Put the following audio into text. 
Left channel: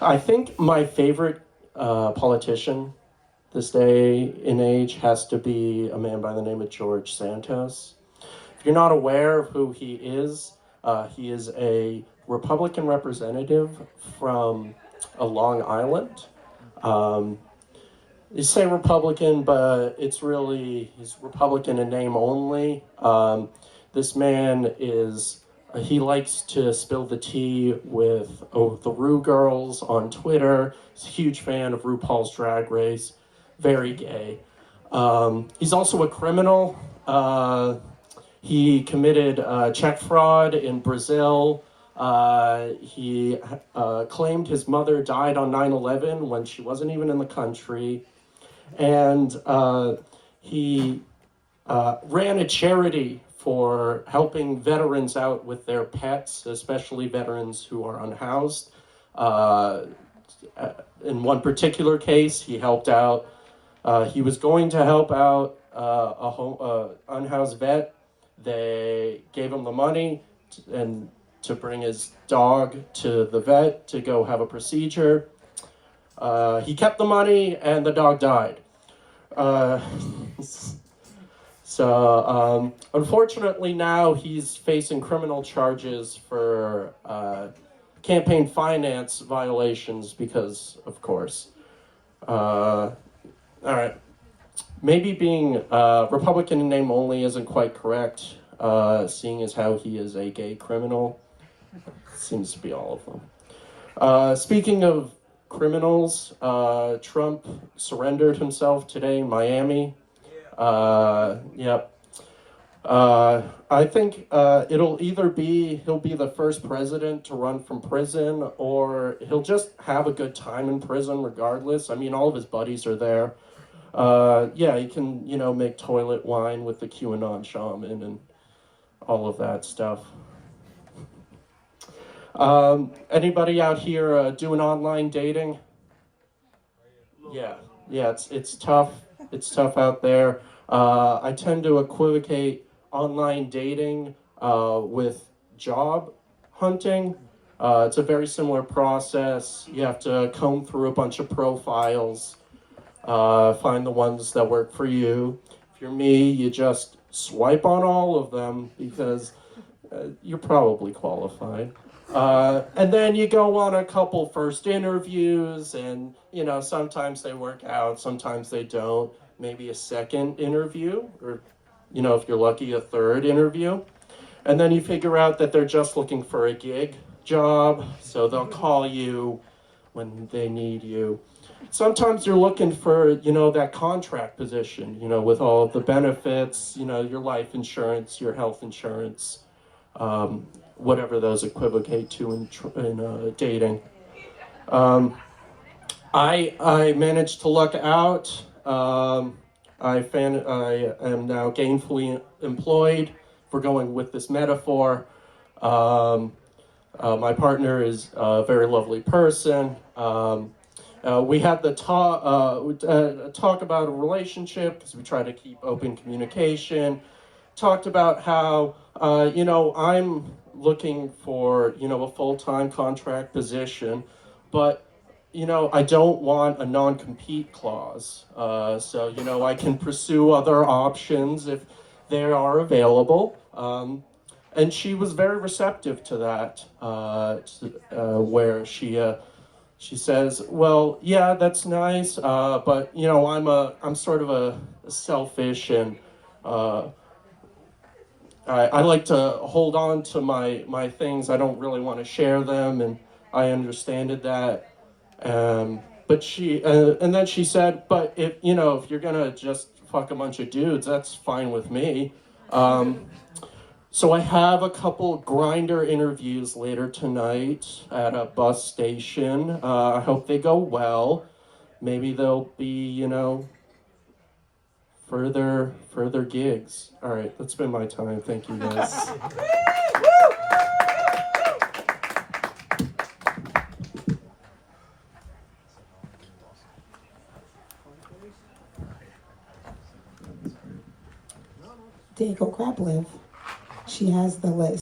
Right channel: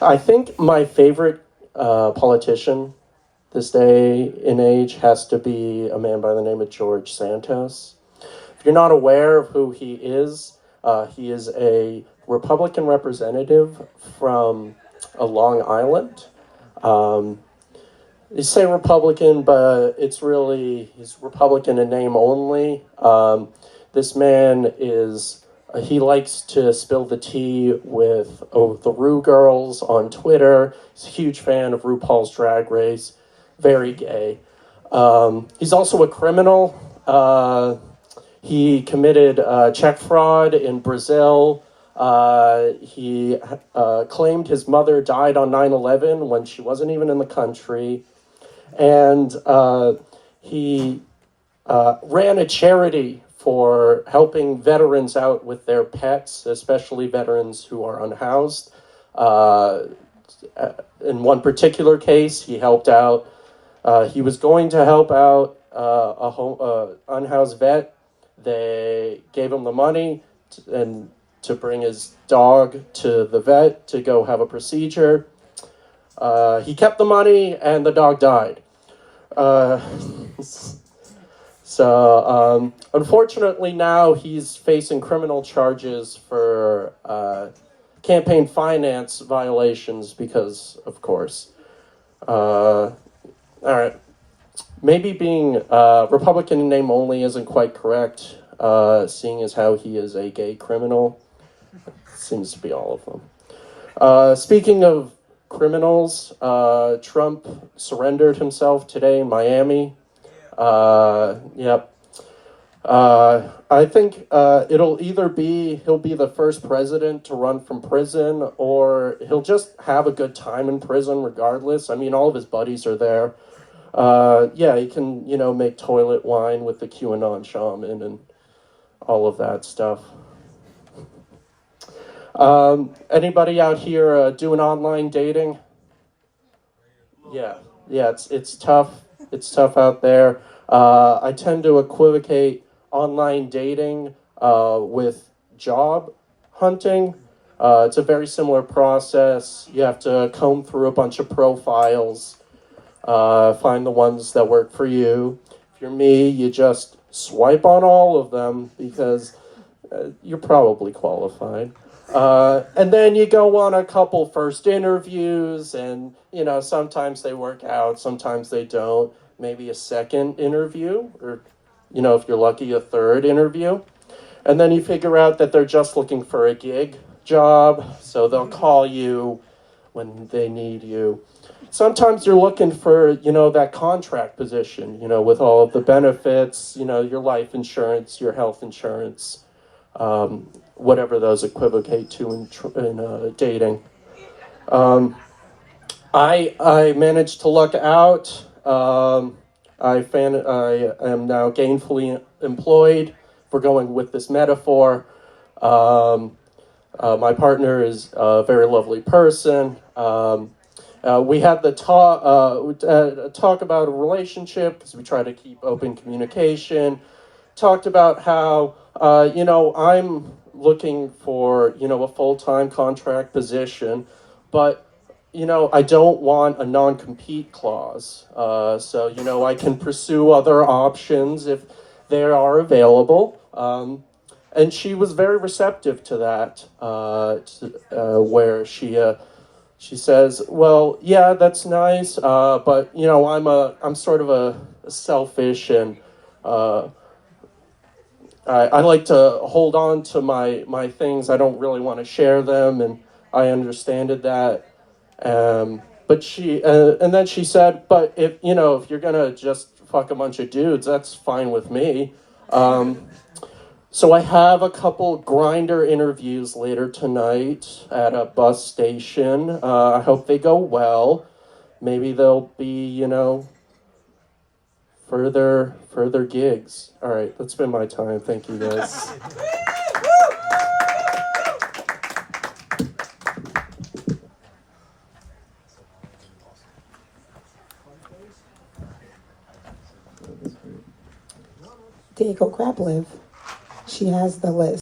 I think my favorite politician this day and age has to be a man by the name of George Santos. If you're not aware of who he is a Republican representative from Long Island. Um, you say Republican, but he's Republican in name only. This man he likes to spill the tea with the Rue girls on Twitter. He's a huge fan of RuPaul's Drag Race, very gay. He's also a criminal. He committed check fraud in Brazil. He claimed his mother died on 9/11 when she wasn't even in the country. And he ran a charity for helping veterans out with their pets, especially veterans who are unhoused. In one particular case, he helped out. He was going to help out a unhoused vet. They gave him the money to bring his dog to the vet to go have a procedure. He kept the money and the dog died. Unfortunately, now he's facing criminal charges for campaign finance violations because, of course. All right. Maybe being Republican in name only isn't quite correct, seeing as how he is a gay criminal. Seems to be all of them. Speaking of criminals, Trump surrendered himself today in Miami. Yep. I think it'll either be he'll be the first president to run from prison, or he'll just have a good time in prison regardless. I mean, all of his buddies are there. Yeah, he can, make toilet wine with the QAnon shaman and all of that stuff. Anybody out here doing online dating? Yeah, it's tough. It's tough out there. I tend to equivocate online dating with job hunting. It's a very similar process. You have to comb through a bunch of profiles, find the ones that work for you. If you're me, you just swipe on all of them because you're probably qualified. And then you go on a couple first interviews, and sometimes they work out, sometimes they don't. Maybe a second interview, or if you're lucky, a third interview. And then you figure out that they're just looking for a gig job, so they'll call you when they need you. Sometimes you're looking for, that contract position, with all of the benefits, your life insurance, your health insurance, whatever those equivocate to in dating. I managed to luck out. I am now gainfully employed. We're going with this metaphor. My partner is a very lovely person. We had the talk about a relationship because we try to keep open communication. Talked about how, I'm looking for, a full-time contract position, but, I don't want a non-compete clause. So, I can pursue other options if they are available. And she was very receptive to that, where she says, well, yeah, that's nice, but I'm sort of a selfish, and I like to hold on to my things. I don't really want to share them, and I understood that. But and then she said, but if you're gonna just fuck a bunch of dudes, that's fine with me. So I have a couple Grindr interviews later tonight at a bus station. I hope they go well. Maybe there'll be, further gigs. All right, that's been my time. Thank you, guys. Diego Kraplev. She has the list.